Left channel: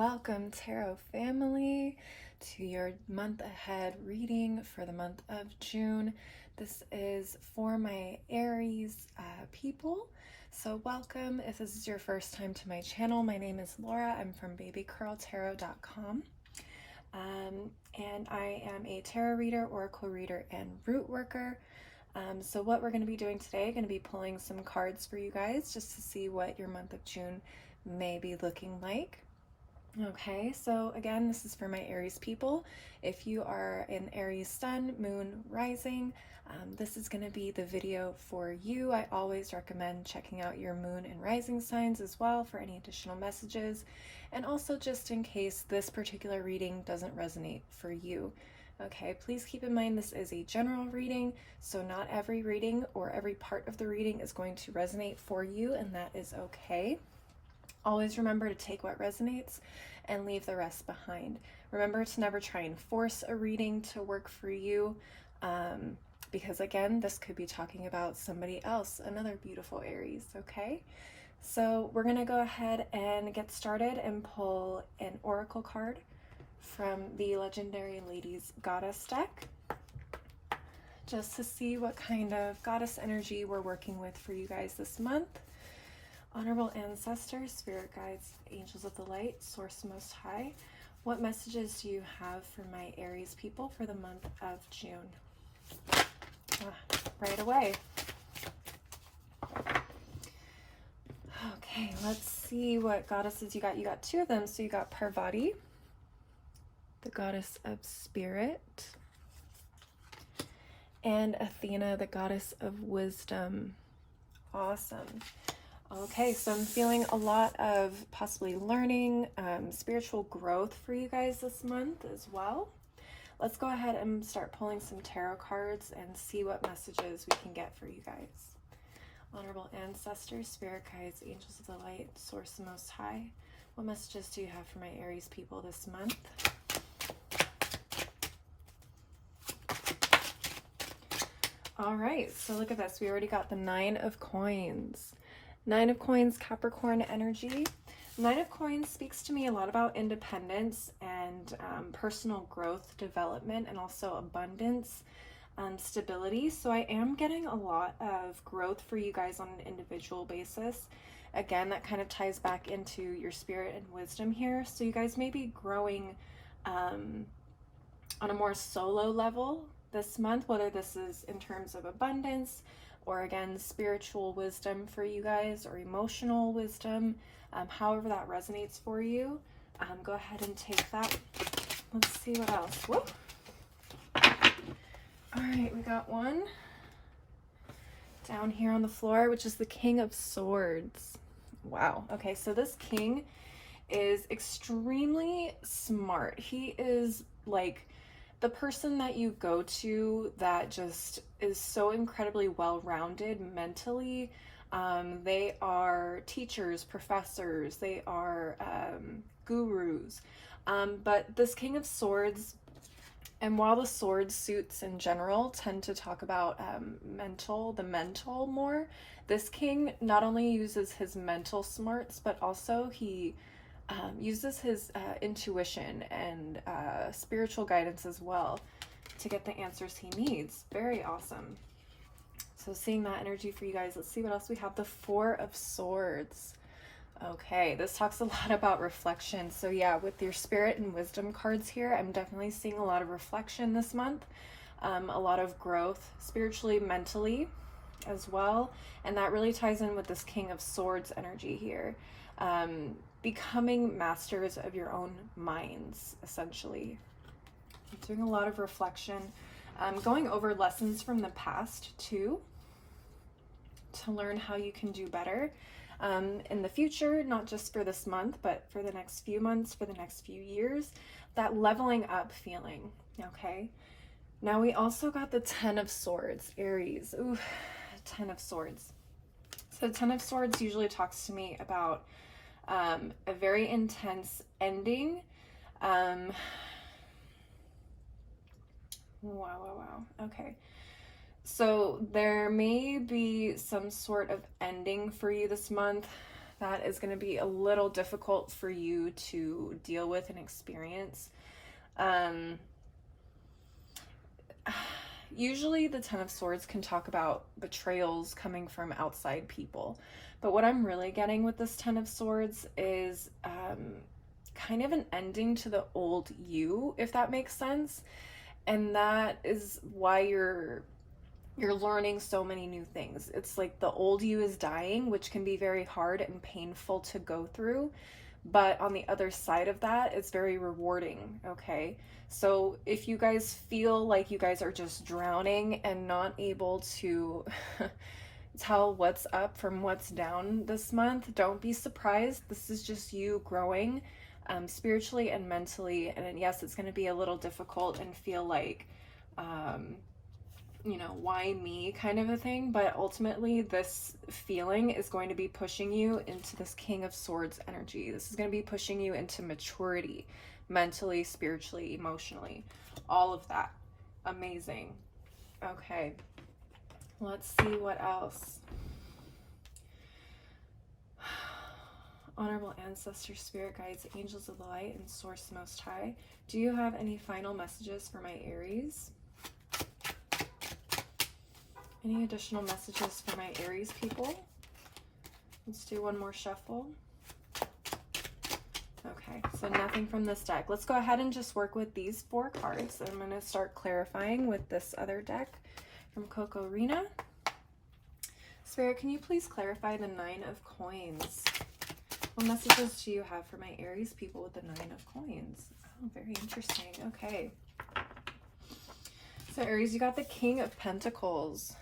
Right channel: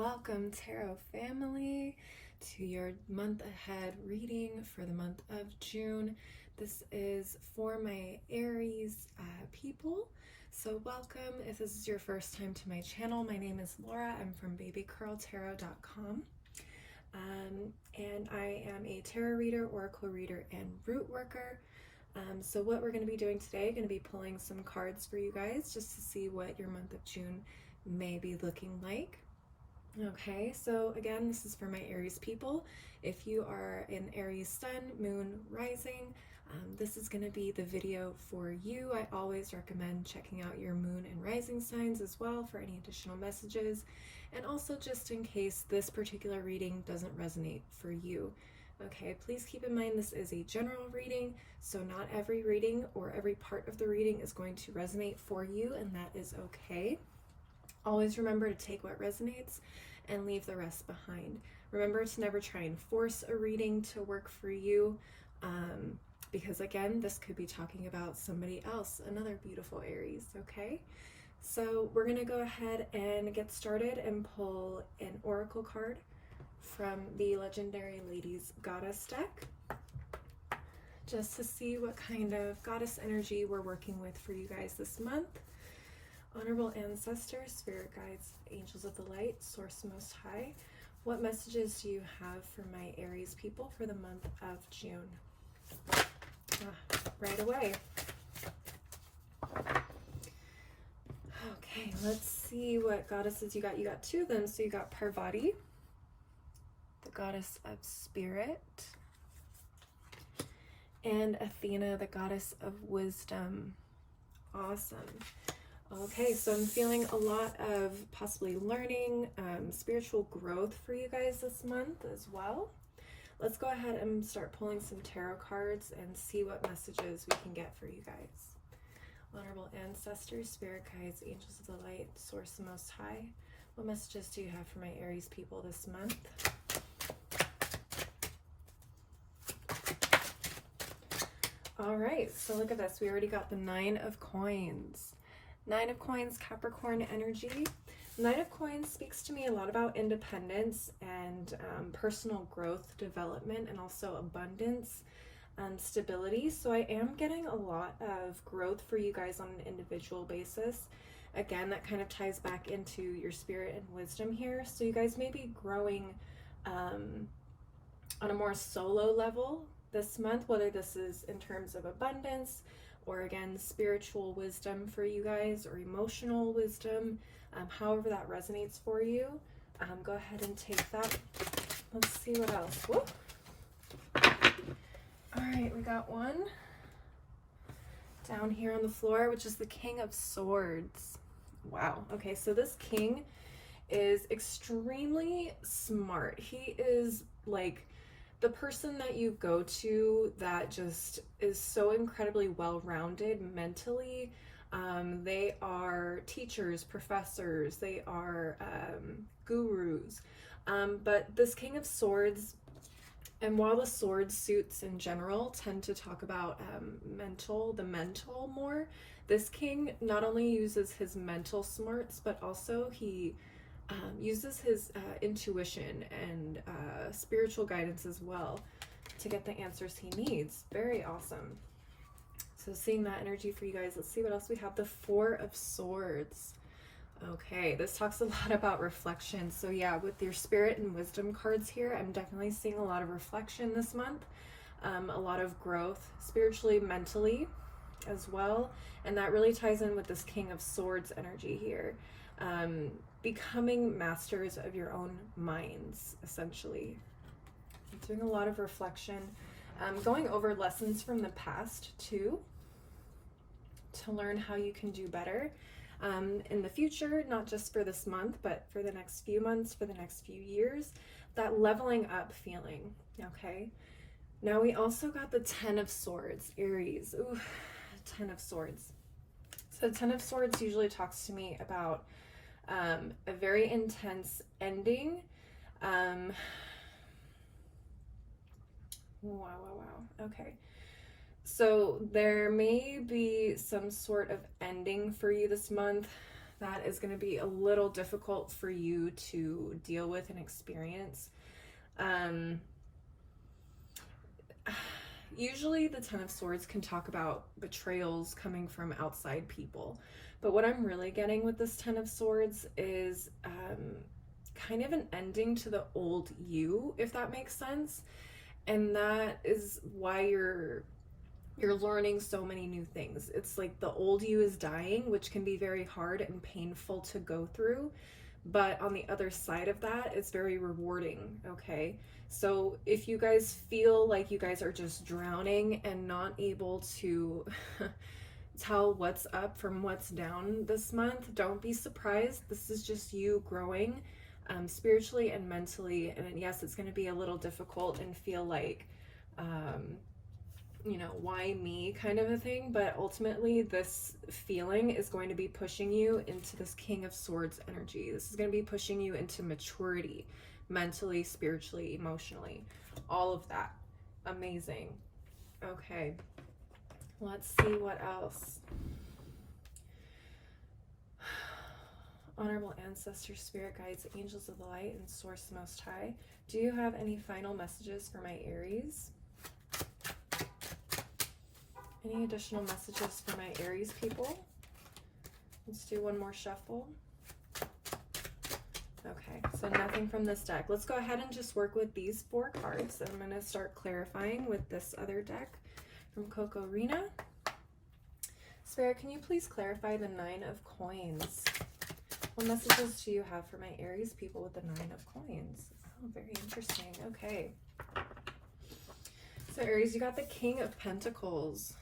welcome Tarot family to your month ahead reading for the month of June. This is for my Aries people, so welcome. If this is your first time to my channel, my name is Laura. I'm from babycurltarot.com, and I am a tarot reader, oracle reader, and root worker. So what we're going to be doing today, going to be pulling some cards for you guys just to see what your month of June may be looking like. Okay, so again, this is for my Aries people. If you are an Aries sun, moon, rising, this is going to be the video for you. I always recommend checking out your moon and rising signs as well for any additional messages, and also just in case this particular reading doesn't resonate for you. Okay, please keep in mind this is a general reading, so not every reading or every part of the reading is going to resonate for you, and that is okay. Always remember to take what resonates and leave the rest behind. Remember to never try and force a reading to work for you, because again, this could be talking about somebody else, another beautiful Aries, okay? So we're gonna go ahead and get started and pull an oracle card from the Legendary Ladies Goddess deck, just to see what kind of goddess energy we're working with for you guys this month. Honorable ancestors, spirit guides, angels of the light, source most high, what messages do you have for my Aries people for the month of June? Right away. Okay, let's see what goddesses you got. You got two of them. So you got Parvati, the goddess of spirit, and Athena, the goddess of wisdom. Awesome. Okay, so I'm feeling a lot of possibly learning, spiritual growth for you guys this month as well. Let's go ahead and start pulling some tarot cards and see what messages we can get for you guys. Honorable ancestors, spirit guides, angels of the light, source the most high, what messages do you have for my Aries people this month? All right, so look at this. We already got the Nine of Coins. Nine of Coins, Capricorn energy. Nine of Coins speaks to me a lot about independence and personal growth, development, and also abundance, stability. So I am getting a lot of growth for you guys on an individual basis. Again, that kind of ties back into your spirit and wisdom here. So you guys may be growing on a more solo level this month, whether this is in terms of abundance, or again, spiritual wisdom for you guys, or emotional wisdom, however that resonates for you. Go ahead and take that. Let's see what else. Whoop. All right, we got one down here on the floor, which is the King of Swords. Wow. Okay, so this king is extremely smart. He is like the person that you go to that just is so incredibly well-rounded mentally. They are teachers, professors, they are gurus. But this King of Swords, and while the sword suits in general tend to talk about the mental more, this king not only uses his mental smarts, but also he uses his intuition and spiritual guidance as well to get the answers he needs. Very awesome. So seeing that energy for you guys, let's see what else we have. The Four of Swords. Okay, this talks a lot about reflection. So yeah, with your spirit and wisdom cards here, I'm definitely seeing a lot of reflection this month, a lot of growth spiritually, mentally as well. And that really ties in with this King of Swords energy here. Becoming masters of your own minds, essentially. Doing a lot of reflection, going over lessons from the past too, to learn how you can do better in the future, not just for this month, but for the next few months, for the next few years. That leveling up feeling, okay? Now we also got the Ten of Swords, Aries. Ooh, Ten of Swords. So Ten of Swords usually talks to me about a very intense ending. Wow. Okay. So there may be some sort of ending for you this month that is going to be a little difficult for you to deal with and experience. Usually the Ten of Swords can talk about betrayals coming from outside people. But what I'm really getting with this Ten of Swords is kind of an ending to the old you, if that makes sense. And that is why you're learning so many new things. It's like the old you is dying, which can be very hard and painful to go through. But on the other side of that, it's very rewarding, okay? So if you guys feel like you guys are just drowning and not able to tell what's up from what's down this month, don't be surprised. This is just you growing spiritually and mentally. And yes, it's going to be a little difficult and feel like, you know, why me kind of a thing. But ultimately, this feeling is going to be pushing you into this King of Swords energy. This is going to be pushing you into maturity, mentally, spiritually, emotionally, all of that. Amazing. Okay, let's see what else. Honorable ancestors, spirit guides, angels of the light, and source most high, do you have any final messages for my Aries? Any additional messages for my Aries people? Let's do one more shuffle. Okay, so nothing from this deck. Let's go ahead and just work with these 4 cards. I'm going to start clarifying with this other deck from Coco Rina. Spirit, can you please clarify the 9 of Coins? What messages do you have for my Aries people with the 9 of Coins? Oh, very interesting. Okay. So Aries, you got the King of Pentacles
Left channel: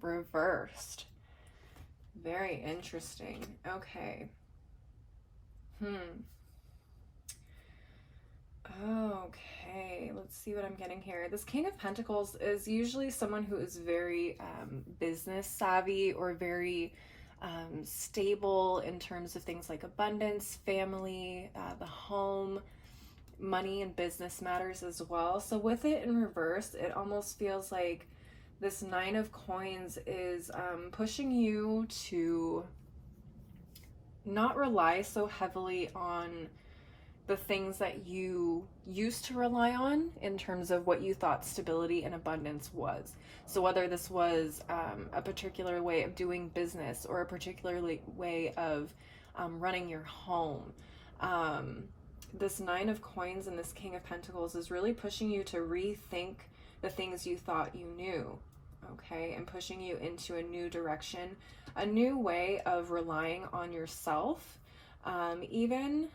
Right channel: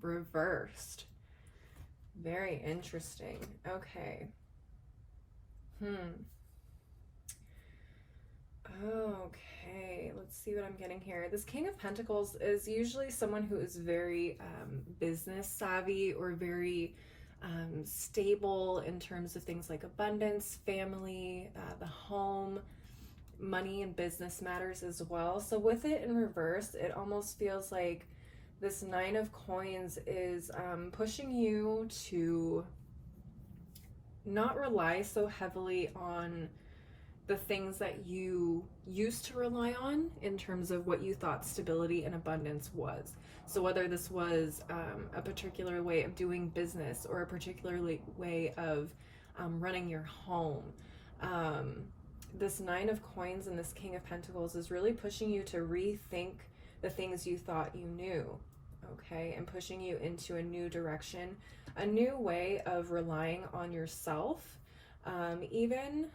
reversed. Very interesting. Okay. Okay, let's see what I'm getting here. This King of Pentacles is usually someone who is very business savvy or very stable in terms of things like abundance, family, the home, money and business matters as well. So with it in reverse, it almost feels like this 9 of Coins is pushing you to not rely so heavily on the things that you used to rely on in terms of what you thought stability and abundance was. So whether this was a particular way of doing business or a particular way of running your home, this 9 of Coins and this King of Pentacles is really pushing you to rethink the things you thought you knew, okay, and pushing you into a new direction, a new way of relying on yourself. Even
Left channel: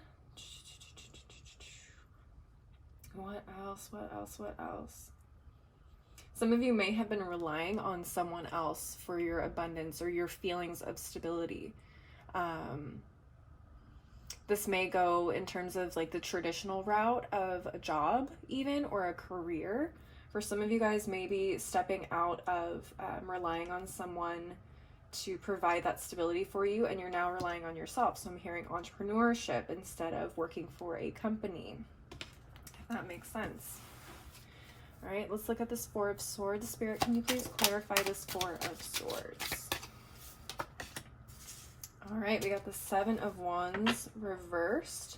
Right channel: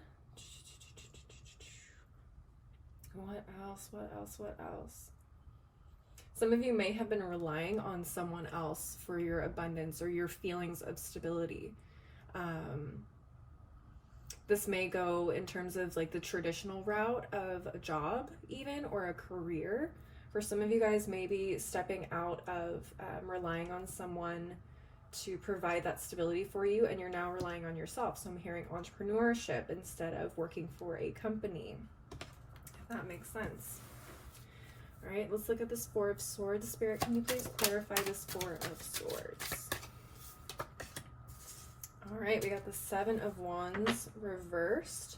what else? Some of you may have been relying on someone else for your abundance or your feelings of stability. This may go in terms of like the traditional route of a job even, or a career. For some of you guys, maybe stepping out of relying on someone to provide that stability for you, and you're now relying on yourself. So I'm hearing entrepreneurship instead of working for a company. If that makes sense. All right, let's look at this 4 of Swords. Spirit, can you please clarify this 4 of Swords? All right, we got the 7 of Wands reversed.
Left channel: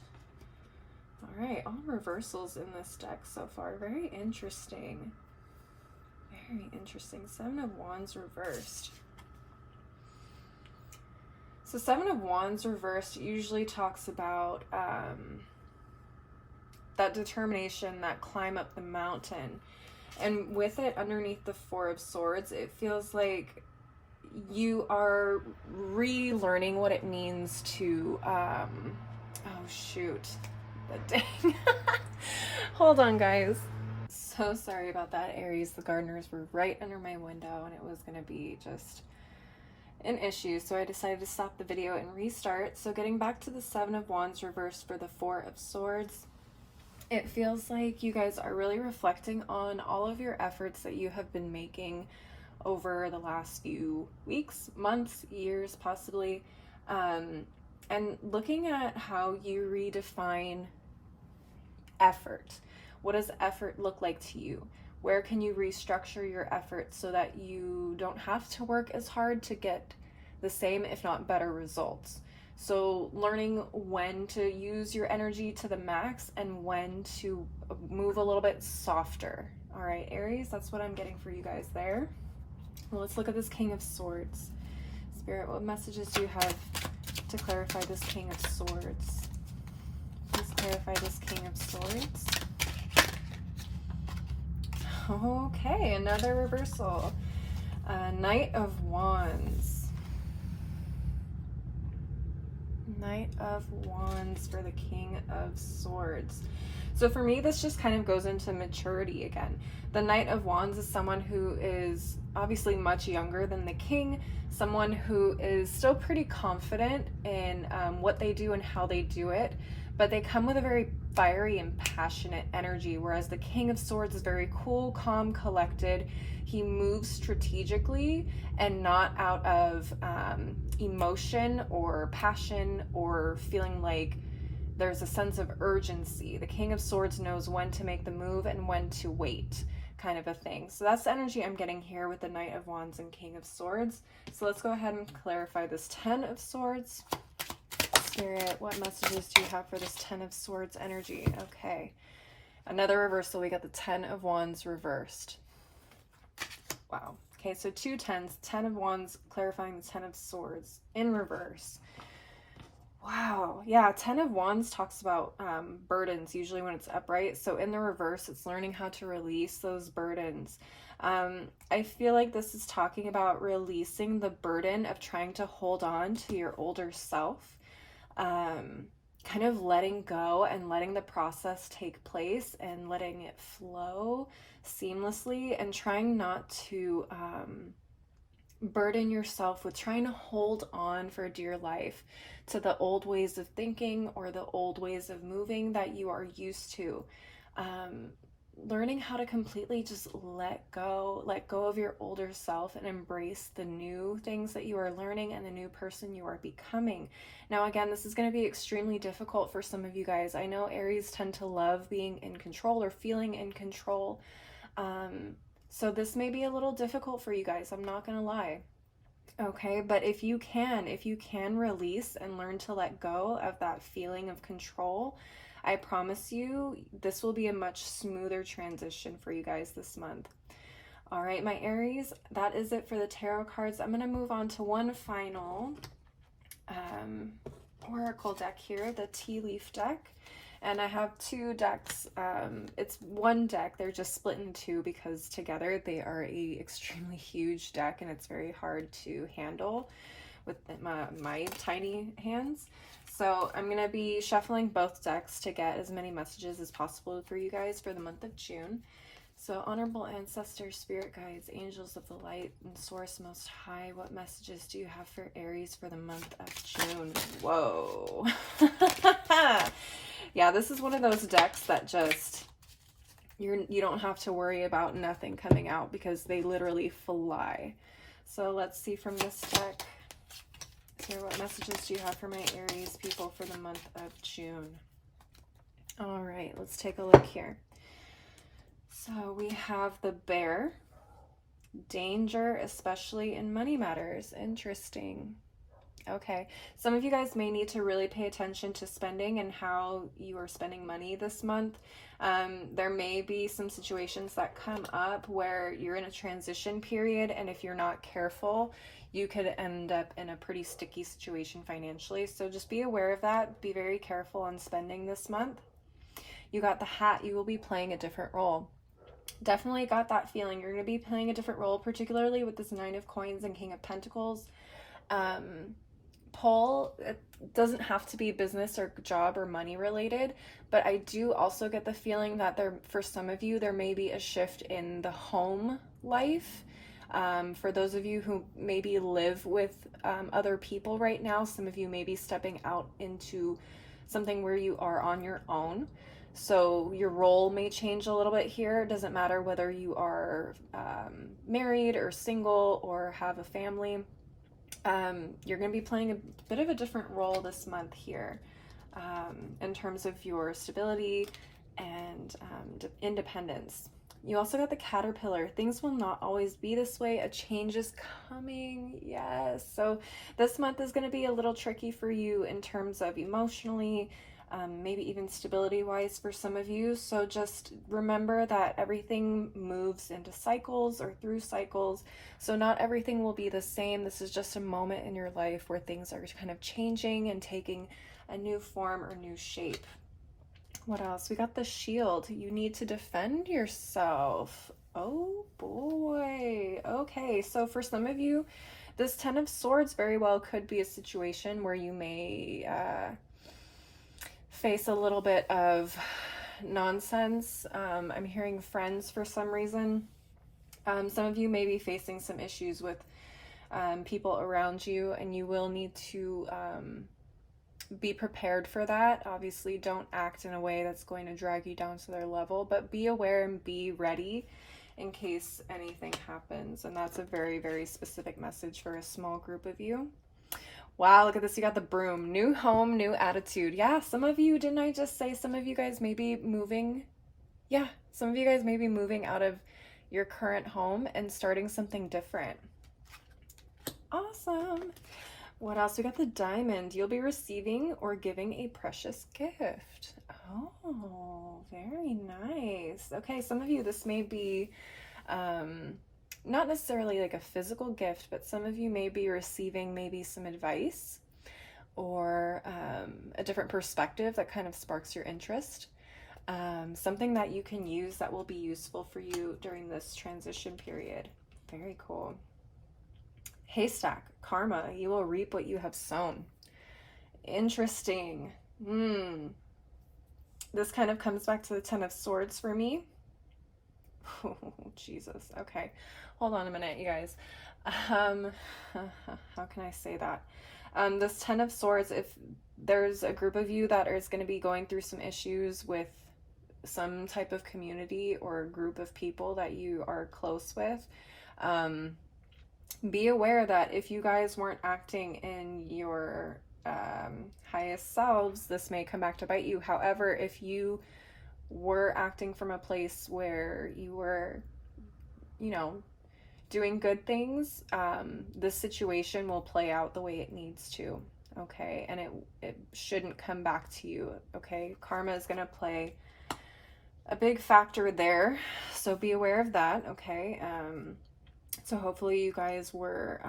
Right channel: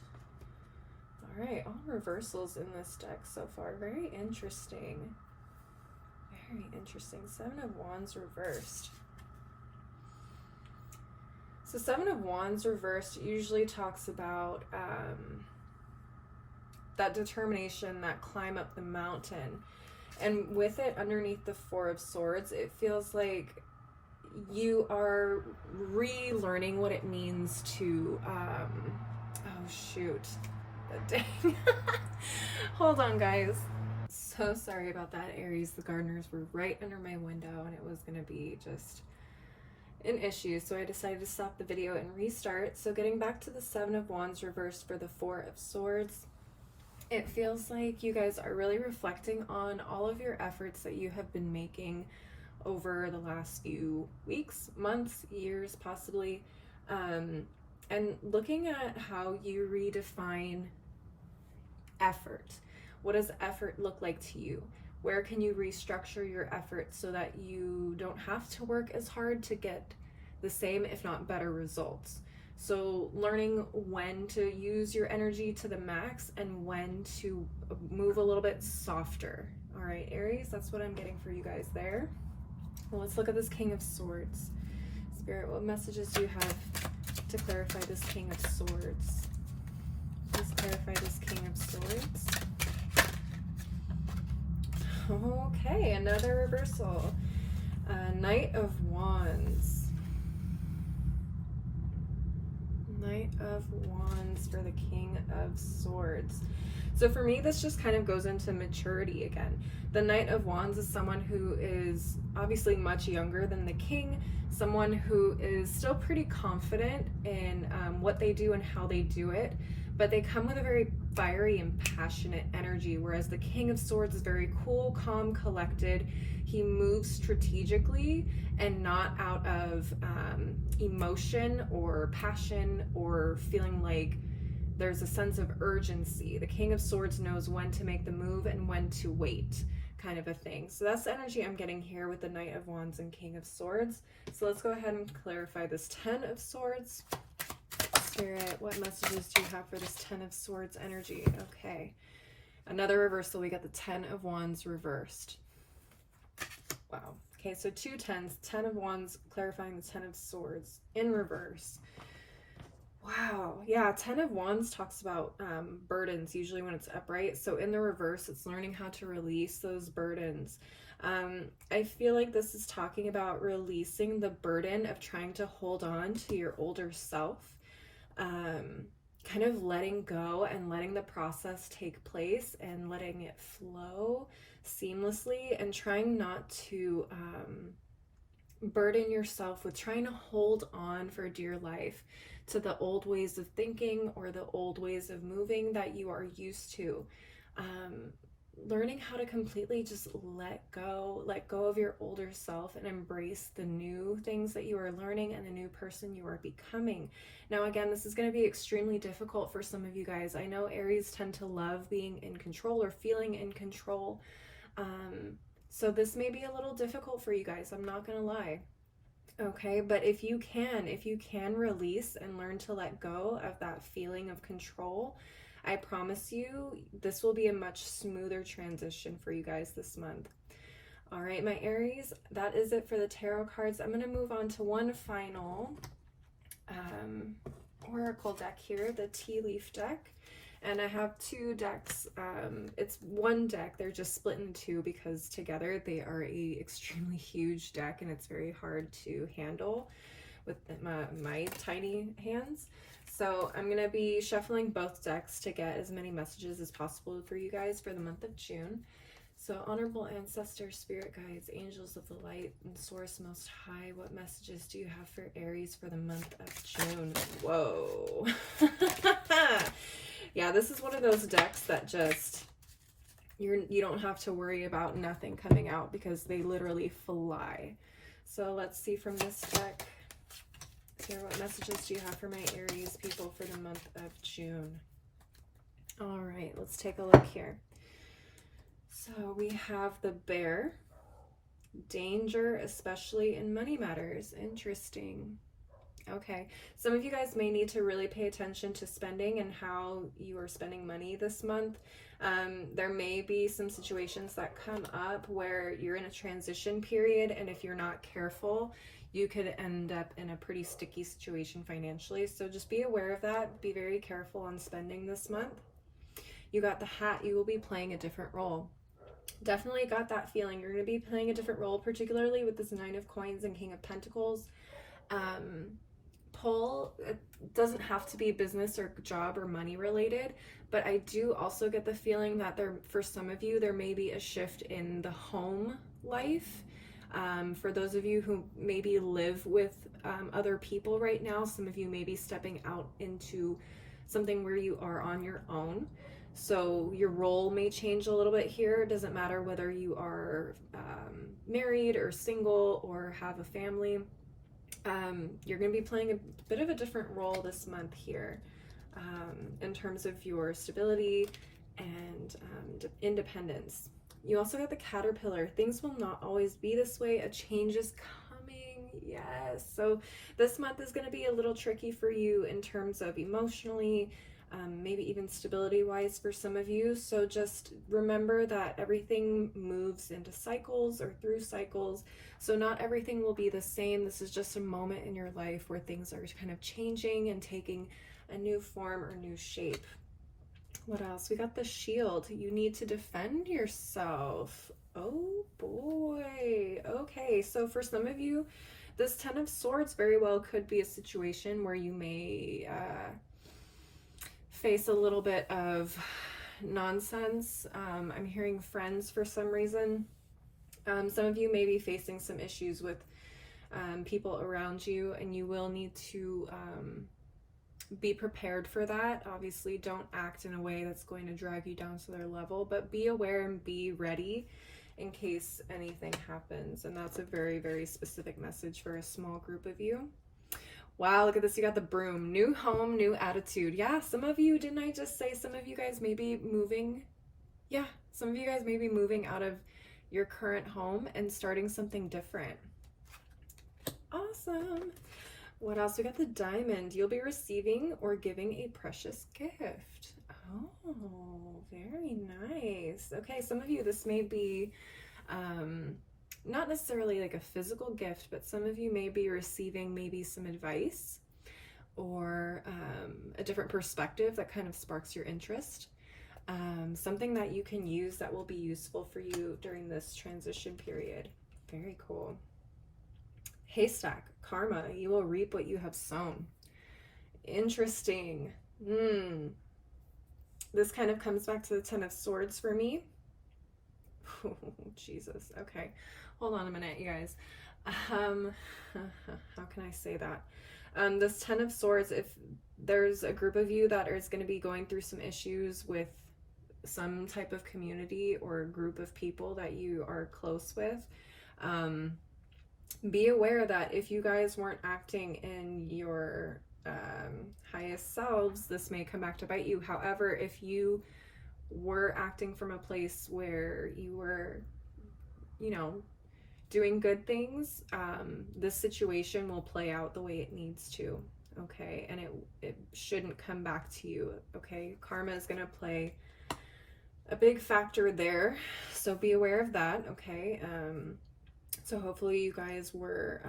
All right, all reversals in this deck so far. Very interesting. Very interesting. 7 of Wands reversed. So 7 of Wands reversed usually talks about that determination, that climb up the mountain. And with it underneath the 4 of Swords, it feels like you are relearning what it means to, oh shoot, dang. Hold on, guys. So sorry about that, Aries. The gardeners were right under my window and it was going to be just an issue. So I decided to stop the video and restart. So getting back to the 7 of Wands reversed for the 4 of Swords, it feels like you guys are really reflecting on all of your efforts that you have been making over the last few weeks, months, years, possibly, and looking at how you redefine effort. What does effort look like to you? Where can you restructure your effort so that you don't have to work as hard to get the same, if not better, results? So learning when to use your energy to the max and when to move a little bit softer. All right, Aries, that's what I'm getting for you guys there. Well, let's look at this King of Swords. Spirit, what messages do you have to clarify this King of Swords? Please clarify this King of Swords. Okay, another reversal. Knight of Wands. Knight of Wands for the King of Swords. So for me, this just kind of goes into maturity again. The Knight of Wands is someone who is obviously much younger than the King, someone who is still pretty confident in what they do and how they do it, but they come with a very fiery and passionate energy, whereas the King of Swords is very cool, calm, collected. He moves strategically and not out of emotion or passion or feeling like there's a sense of urgency. The King of Swords knows when to make the move and when to wait, kind of a thing. So that's the energy I'm getting here with the Knight of Wands and King of Swords. So let's go ahead and clarify this Ten of Swords. Spirit, what messages do you have for this Ten of Swords energy? Okay. Another reversal. We got the Ten of Wands reversed. Wow. Okay, so 2 tens, 10 of Wands clarifying the 10 of Swords in reverse. Wow. Yeah, 10 of Wands talks about burdens, usually when it's upright. So in the reverse, it's learning how to release those burdens. I feel like this is talking about releasing the burden of trying to hold on to your older self. Kind of letting go and letting the process take place and letting it flow seamlessly, and trying not to burden yourself with trying to hold on for dear life to the old ways of thinking or the old ways of moving that you are used to. Learning how to completely just let go of your older self and embrace the new things that you are learning and the new person you are becoming. Now, again, this is going to be extremely difficult for some of you guys. I know Aries tend to love being in control or feeling in control. So this may be a little difficult for you guys. I'm not going to lie. Okay, but if you can release and learn to let go of that feeling of control, I promise you, this will be a much smoother transition for you guys this month. All right, my Aries, that is it for the tarot cards. I'm going to move on to one final oracle deck here, the tea leaf deck. And I have 2 decks. It's one deck. They're just split in 2 because together they are a extremely huge deck, and it's very hard to handle with my tiny hands. So I'm going to be shuffling both decks to get as many messages as possible for you guys for the month of June. So honorable ancestors, spirit guides, angels of the light, and source most high, what messages do you have for Aries for the month of June? Whoa. Yeah, this is one of those decks that just, you don't have to worry about nothing coming out because they literally fly. So let's see from this deck. Here, what messages do you have for my Aries people for the month of June? All right, let's take a look here. So we have the Bear, danger, especially in money matters. Interesting. Okay, some of you guys may need to really pay attention to spending and how you are spending money this month. There may be some situations that come up where you're in a transition period, and if you're not careful, you could end up in a pretty sticky situation financially. So just be aware of that. Be very careful on spending this month. You got the Hat. You will be playing a different role. Definitely got that feeling. You're going to be playing a different role, particularly with this 9 of Coins and King of Pentacles. Pull, it doesn't have to be business or job or money related, but I do also get the feeling that for some of you, there may be a shift in the home life. For those of you who maybe live with other people right now, some of you may be stepping out into something where you are on your own. So your role may change a little bit here. It doesn't matter whether you are married or single or have a family. You're going to be playing a bit of a different role this month here in terms of your stability and independence. You also got the Caterpillar. Things will not always be this way. A change is coming. Yes. So this month is going to be a little tricky for you in terms of emotionally, maybe even stability wise for some of you. So just remember that everything moves into cycles or through cycles. So not everything will be the same. This is just a moment in your life where things are kind of changing and taking a new form or new shape. What else? We got the Shield. You need to defend yourself. Oh boy. Okay, so for some of you, this Ten of Swords very well could be a situation where you may face a little bit of nonsense. I'm hearing friends for some reason. Some of you may be facing some issues with people around you, and you will need to be prepared for that. Obviously, don't act in a way that's going to drag you down to their level, but be aware and be ready in case anything happens. And that's a very, very specific message for a small group of you. Wow, look at this. You got the Broom. New home, new attitude. Yeah, some of you, didn't I just say some of you guys may be moving? Yeah, some of you guys may be moving out of your current home and starting something different. Awesome. What else? We got the Diamond. You'll be receiving or giving a precious gift. Oh, very nice. Okay, some of you, this may be not necessarily like a physical gift, but some of you may be receiving maybe some advice or a different perspective that kind of sparks your interest. Something that you can use that will be useful for you during this transition period. Very cool. Haystack. Karma. You will reap what you have sown. Interesting. This kind of comes back to the Ten of Swords for me. Oh, Jesus. Okay. Hold on a minute, you guys. How can I say that? This Ten of Swords, if there's a group of you that is going to be going through some issues with some type of community or group of people that you are close with, be aware that if you guys weren't acting in your highest selves, this may come back to bite you. However, if you were acting from a place where you were, you know, doing good things, this situation will play out the way it needs to, okay? And it shouldn't come back to you, okay? Karma is going to play a big factor there, so be aware of that, okay? So hopefully you guys were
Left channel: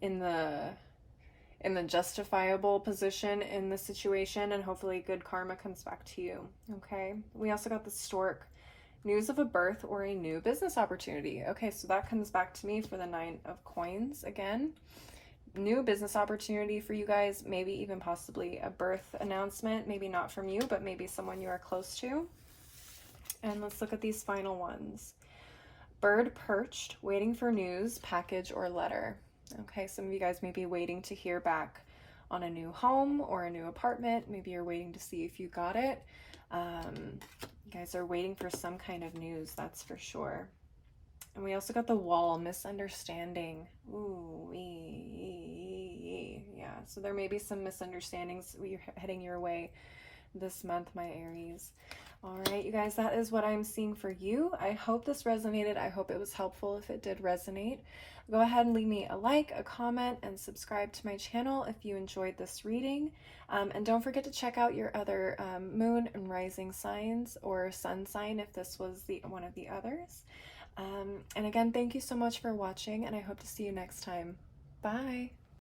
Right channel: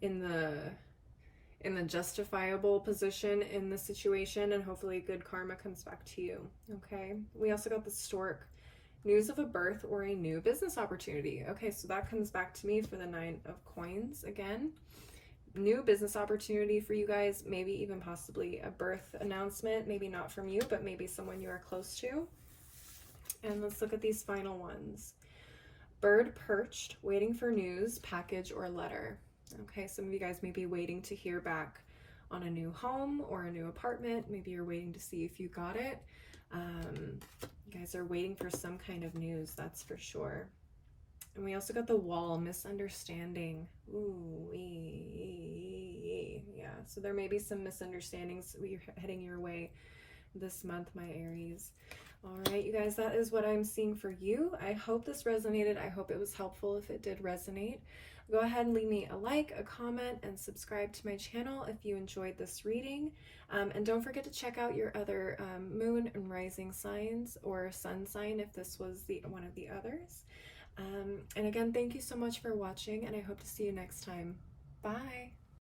in the justifiable position in the situation, and hopefully good karma comes back to you, okay? We also got the Stork. News of a birth or a new business opportunity. Okay, so that comes back to me for the Nine of Coins again. New business opportunity for you guys, maybe even possibly a birth announcement, maybe not from you, but maybe someone you are close to. And let's look at these final ones. Bird perched, waiting for news, package, or letter. Okay, some of you guys may be waiting to hear back on a new home or a new apartment. Maybe you're waiting to see if you got it. You guys are waiting for some kind of news, that's for sure. And we also got the Wall, misunderstanding. Ooh, yeah. So there may be some misunderstandings heading your way this month, my Aries. All right, you guys, that is what I'm seeing for you. I hope this resonated. I hope it was helpful if it did resonate. Go ahead and leave me a like, a comment, and subscribe to my channel if you enjoyed this reading. And don't forget to check out your other moon and rising signs or sun sign if this was one of the others. And again, thank you so much for watching, and I hope to see you next time. Bye!